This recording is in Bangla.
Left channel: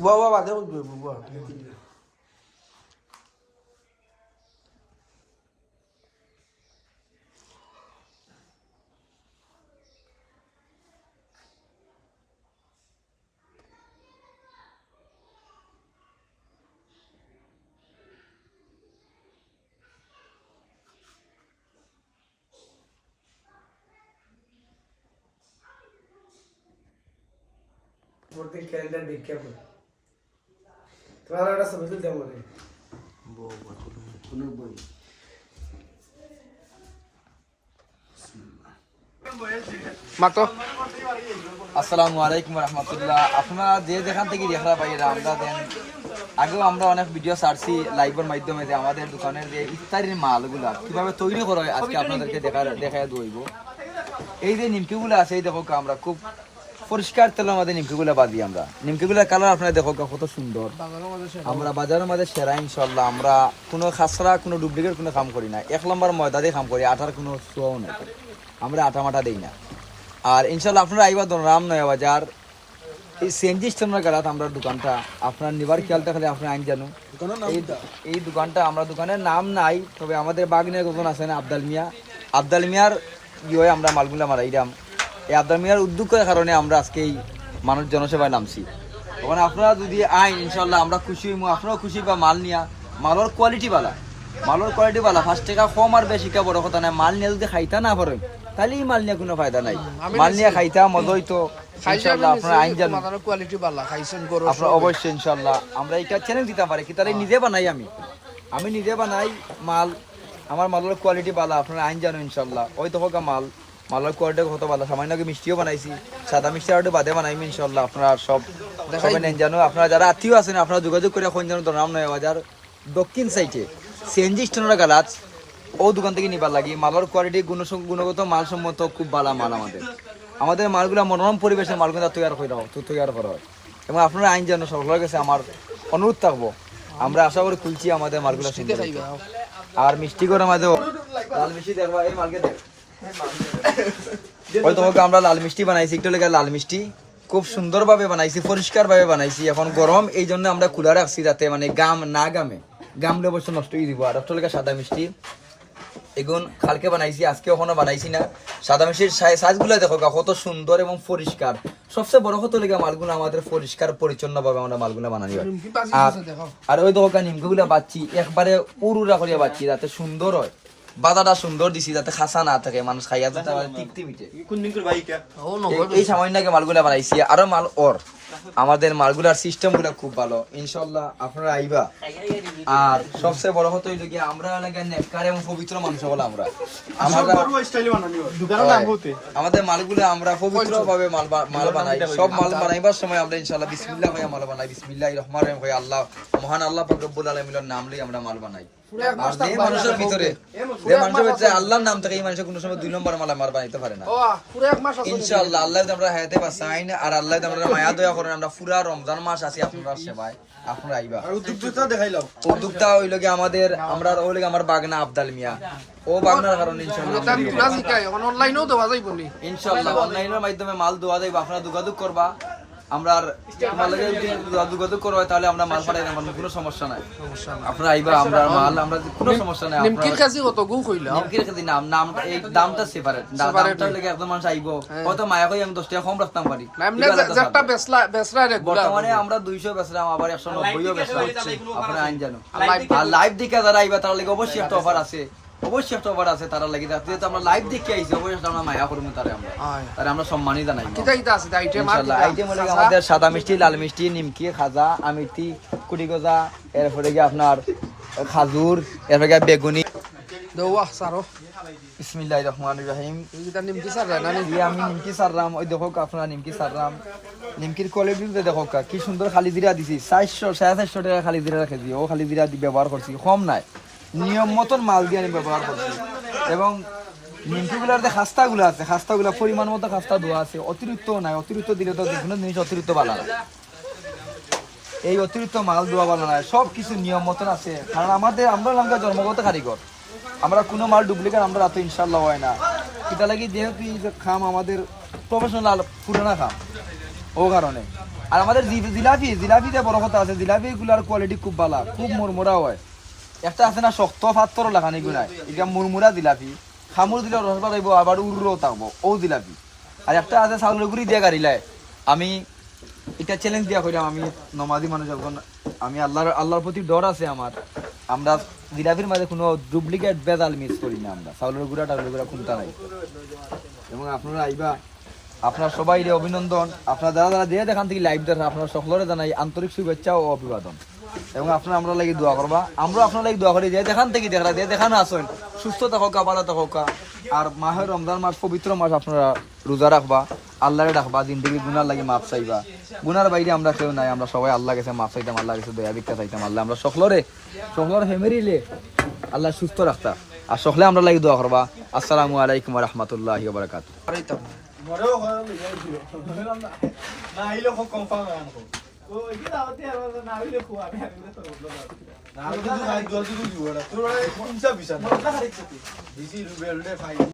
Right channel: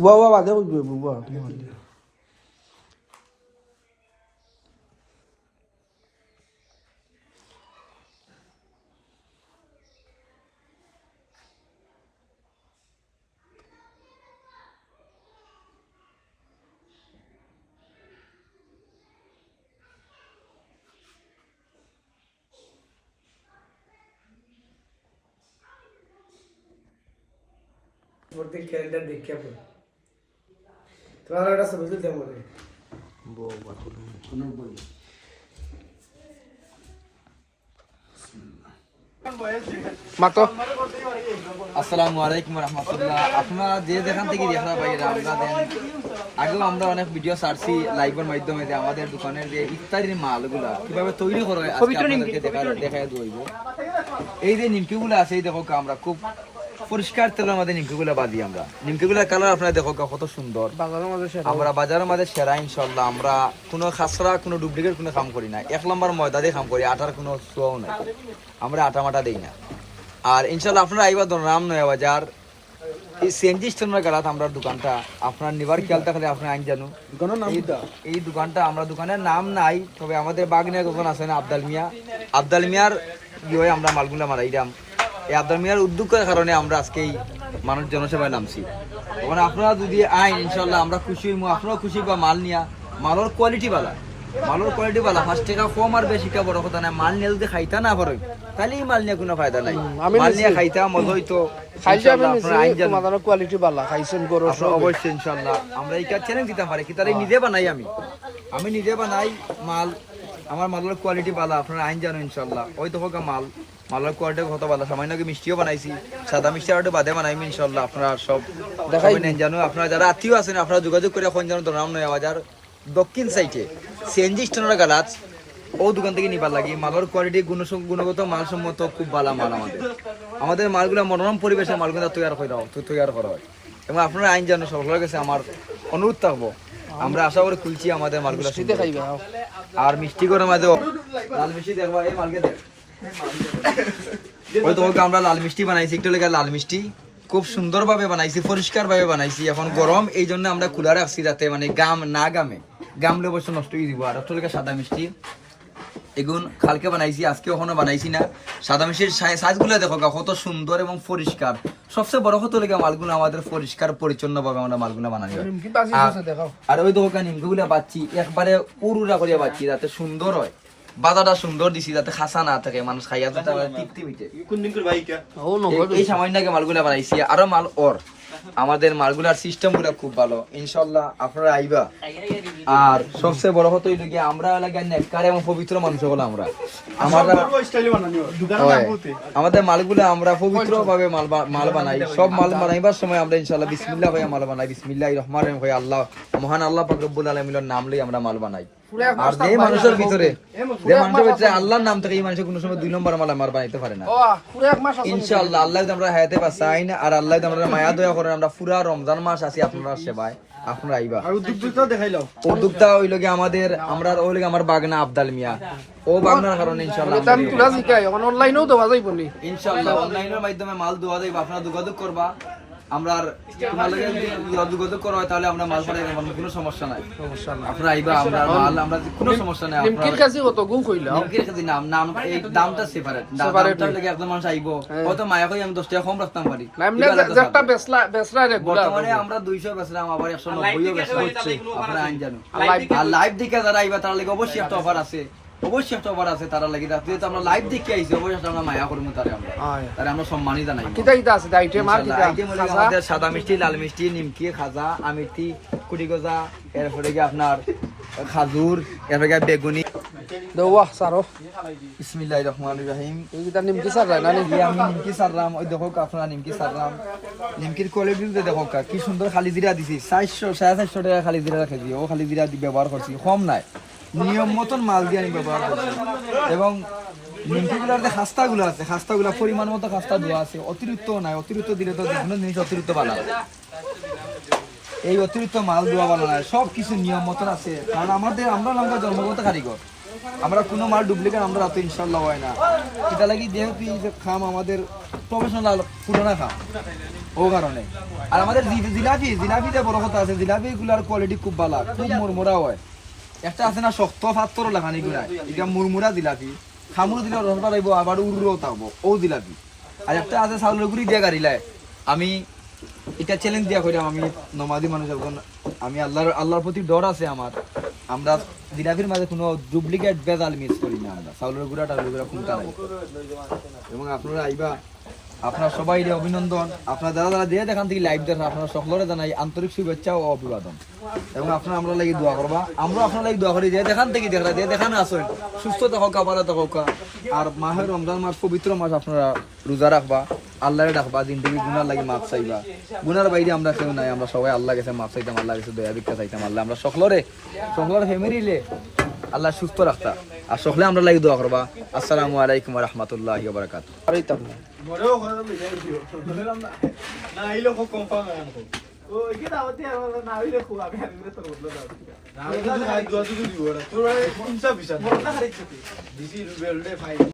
Buah ada buah. Seperti kalender देखिए अपन तुम्हारा बड़ा समझ लेते हैं मुझे वो बात कुनो बोल মাতো আসসালামু আলাইকুম রাহমাতুল্লাহ। আপনারা যে যেখান থেকে দেখা পাইরা আমরা দেন আগেও আমরা অনেক ভিডিও ছাড়ছি লাইভের মাধ্যমে যে আমাদের দোকানের যে ইফতারির মালগুলা কিভাবে তৈরি করা হয় আজকে আপনাদেরকে দেখায় দইব। এই যে নিমকিগুলো আছে এই দেখো আমরা খুব পরিষ্কার তেলের মধ্যে নিমকিগুলো বাঁধি আমরা। নিমকিগুলোর কালার আপনারা দেখো কত সুন্দর। আমরা বাজারের মধ্যে সেরা ইনশাল্লাহ। আমরা কোনো খাসরা কোনো ডুপ্লিকেট কোনো কাম করি না। 1 নম্বর ময়দা দিয়ে কাম করি, আটার কোনো শোও না, আমরা আটা মাটা দিই না। আর ইনশাল্লাহ আপনারা আইবা রাম নয়া বাজার এই সিএনজি স্টেশনের গালাত আমরা দোকানটা আপনার নিবার খেয়াল থাকলে আপনি আইন জানো এই দোকানটা আমরা দোকানের নাম নাই, তবে আমাদের বাগনিয়া দোকান আছে না আবদাল মিয়ার ইয়ে আমরা মালগুলা মারাইলাম। এই আবদাল মিয়ার উদ্যোগের কারণে আমরা আজকে এই মানুষ জনসেবায় নামছি। ওখানে আপনারা যদি আইন ইনশাল্লাহ আমরা খুশি হইমু, আপনারাও খুশি বা মাল নিয়া মালের কোয়ালিটি বালা 5 টাকা কম আর বেশি কা বড় কথা না। মাল নিয়ে যদি খাইতা না পারে তাহলে এই মাল নিয়ে কোনো ফায়দা নাই। মাল নিয়ে খাইতা মজা হইতো কোয়ালিটি ভালো খাইছেন গরো অবশ্যই ইনশাল্লাহ। আমরা এটা চ্যালেঞ্জ দিতে পারি কি তাহলে নিজে বানাই আমি নিজে বানাই মাল, আমার মালের কোয়ালিটি ভালো আপনারা আইন জানো ইনশাল্লাহ। ওই তো হোক মালের কোয়ালিটি কত ভালো। সামান্য মিষ্টিও বানাইছি, সাদা মিষ্টি আর বাদে বানাইমি ইনশাল্লাহ। আপনারা সব দেখাবেন জানো। আপনারা যারা আত্মীয় আছেন আপনারা যোগাযোগ করে এখন জানো নাম নয় বাজার দক্ষিণ সাইডে সিএনজি স্টেশনের গালাত ও দোকান থেকে নিবার লাগি। মালের কোয়ালিটি গুণগত মানসম্মত খুব ভালো মাল। আমাদের মালগুলা মনোরম পরিবেশের মালগুলা তৈরি করা হয় এবং আপনারা আইন জানো সকলের কাছে আমার অনুরোধ থাকবো। আমরা আশা করে খুলছি আমাদের মালগুলা আর মিষ্টি করে আমাদের লাল মিষ্টি দেখবা এই মালকে দেখ হয়তো আমরা লাল মিষ্টি বানাইছি, একটু লেগে লাল মিষ্টি খুব সুন্দর ভাবে বানাইছি, পরিষ্কার ভাবে বানাইছি। এখন গরম এই জন্য আমরা কুলার রাখছি যাতে মানে গামলে অবশ্য নষ্ট হয়ে দিব। আর একটু লেগে সাদা মিষ্টি এগুন কালকে বানাইছি, আজকে ওখানে বানাইছি না। সাদা মিষ্টির সাইজগুলো দেখো কত সুন্দর এবং পরিষ্কার। সবচেয়ে বড় কথা লেগে মালগুলো আমাদের পরিষ্কার পরিচ্ছন্ন ভাবে আমরা মালগুলো বানাই। আর ওই দোকান নিমকিগুলো বাচ্ছি একবারে উড়ুরা করিয়া বাচ্ছি যাতে সুন্দর হয়। বাদাটা সুন্দর দিছি যাতে খাসা না থাকে, মানুষ খাইয়া যেতে পারে তৃপ্তি মিটে। এই সামান্যকে মালগুলা বানাইছি। আরো মাল আমাদের মালগুলার সিস্টেম গুলা খুব ভালো ইনশাল্লাহ। আপনারা আইবা। আর সবচেয়ে বড় কথা হইল কি আমরা এলাকার নেককার এবং পবিত্র মানুষ হলো আমরা। আমাদের মালগুলা আমরা পবিত্র ভাবে মাল বানাই। সব মাল বানাইবার সময় আমরা ইনশাল্লাহ বিসমিল্লাহ ভাবে মাল বানাই। বিসমিল্লাহির রহমানির রহিম আল্লাহ মহান আল্লাহ পাক রব্বুল আলামিনের নাম লই আমরা মাল বানাই। আর যে মানুষের ভিতরে আল্লাহর নাম থেকে এই মানুষের কোনো সময় 2 নম্বর মাল আমার বানাইতে পারে না ইনশাআল্লাহ। আল্লাহ আমরা হায়াতে বাঁচাইন আর আল্লাহ আমরা মায়া দয়া করেন। আমরা পুরা রমজান মাস আছি আপনার সেবায়, আপনারা আইবা। আর উদ্যোক্তা দেখাইলাম, উদ্যোক্তা হইল কি আমাদের আমরা ওই লাগে আমার বাগনা আবদাল মিয়া ও বাগনার কারণে ইনশাআল্লাহ অনলাইনেও দেওয়া যাইব নি ইনশাআল্লাহ। অনলাইনের মাধ্যমে মাল দেওয়া যাইব, আপনারা যোগাযোগ করবা। আমরা তোমার লাগে যদি যোগাযোগ করা হয় তাহলে আমরা মাল পাঠাই দেব, কোনো সমস্যা নাই। আপনারা আইবা, আমরা মাল আমরা কোনো সমস্যা নাই। নিমকির কাছে কত গু কইলা নিমকির কাছে নাম এই দামটা সেপারেট। দামটা লাগে একদম মানুষ আইবো কত মায়া কই আমি 10 টাকা কম রাখতাম পারি। যেটা বেসলা রেগুলার বর্তমানে আমরা 200 বেচলাম, আবার 190ও বেচলাম। আপনারা আইন জানো। আর লাইভ দেখে যারা আইবা তার লাগে অবশ্যই একটা অফার আছে, অবশ্যই একটা অফার আছে তারা লাগি। যেহেতু আমরা লাইভ দেখে আইছি অবশ্যই আমরা মায়া করবো তারে আমরা সম্মানই জানাই। আমাদের সাদা মিষ্টি, লাল মিষ্টি, নিমকি, খাজা, আমিতি, কুটি গজা, এরপরে গিয়ে আপনার খাজুর, এরপরে গিয়ে বেগুনি। বিসমিল্লাহির রহমানির রহিম। নিমকি সাররাম না আমি নিমকি সাররাম। ওই দেখো আপনারা নিমকি সাররাম। নিমকির কোয়ালিটি দেখো কি সুন্দর। খালি জিরা দিছি 450 টাকা খালি জিরা রেখেছি। ও খালি জিরা ব্যবহার করছি, কম নাই, নিয়ম মতন মাল দিয়ে আমি ব্যবহার করছি। এবং নিমকিগুলার যে খাস্তাগুলো আছে খাস্তাগুলা পরিমাণ মতো খাস্তা দেওয়া আছে, অতিরিক্ত নাই। অতিরিক্ত দিলে তো যে কোনো জিনিস অতিরিক্ত ভালো। এই অতিরিক্ত মাল দেওয়া ভালো নয়, সব কিছু নিয়ম মতন আছে। কারণ আমরা লঙ্কা জন্মগত কারিগর, আমরা কোনো মাল ডুপ্লিকেট আমরা রাতে ইনশাল্লাহ হয় না। এটা লাগি যেহেতু এই যে খাম আমাদের প্রফেশনাল পুরানা খাম, ও কারণে। আর আমাদের জিলাপিতে বড় কথা আছে, জিলাপিগুলার কোয়ালিটি খুব ভালো, খুব মুরমুরা হয়। একটা আছে না শক্ত পাত্র লাগানি গুনায়, এটা মুরমুরা জিলাপি, খামুর দিলে রস বাড়াইব আবার উড়ো থাকবো, ও জিলাপি। আর একটা আছে চাউলের গুঁড়ি দিয়ে গাড়িলায়। আমি এটা চ্যালেঞ্জ দিয়া কইলাম, আমি নমাজি মানুষ, যখন আমি আল্লাহর প্রতি ডর আছে আমার, আমরা জিলাপির মাঝে কোনো ডুপ্লিকেট বেজাল মিক্স করি না, আমরা চাউলের গুঁড়া টাউলের গুঁড়া কোনটা নাই। এবং আপনারা আইবা, আপনার সবাই অভিনন্দন। আপনার যারা যারা দিয়ে দেখান থেকে লাইভ দেখেন, আপনারা সকলের জানাই আন্তরিক শুভেচ্ছা ও অভিবাদন। এবং আপনারা আমরা লাগি দোয়া করবা, আমরা আপনার লাগি দোয়া করি। যে দেখান থেকে দেখরা দিয়ে দেখানো আসুন, সুস্থ থাকা, ভালো থাকা। আর মাহের রমজান মাস, পবিত্র মাস, আপনারা রোজা রাখবা, আল্লাহরে ডাকবা, জিন্দগি গুনার লাগি মাপ চাইবা। গুনার বাইরে আমরা কেউ নাই, আমরা সবাই আল্লাহ গেছে মাপ চাইতাম, আল্লাহ গেছে দয়া ভিক্ষা চাইতাম। আল্লাহ আমরা সকলের ফ্যামিলিলে আল্লাহ সুস্থ রাখতা। আর সকলে আমরা লাগি দোয়া করবা। আসসালামু আলাইকুম ওয়া রাহমাতুল্লাহি ওয়া বারাকাতুহু। তোরা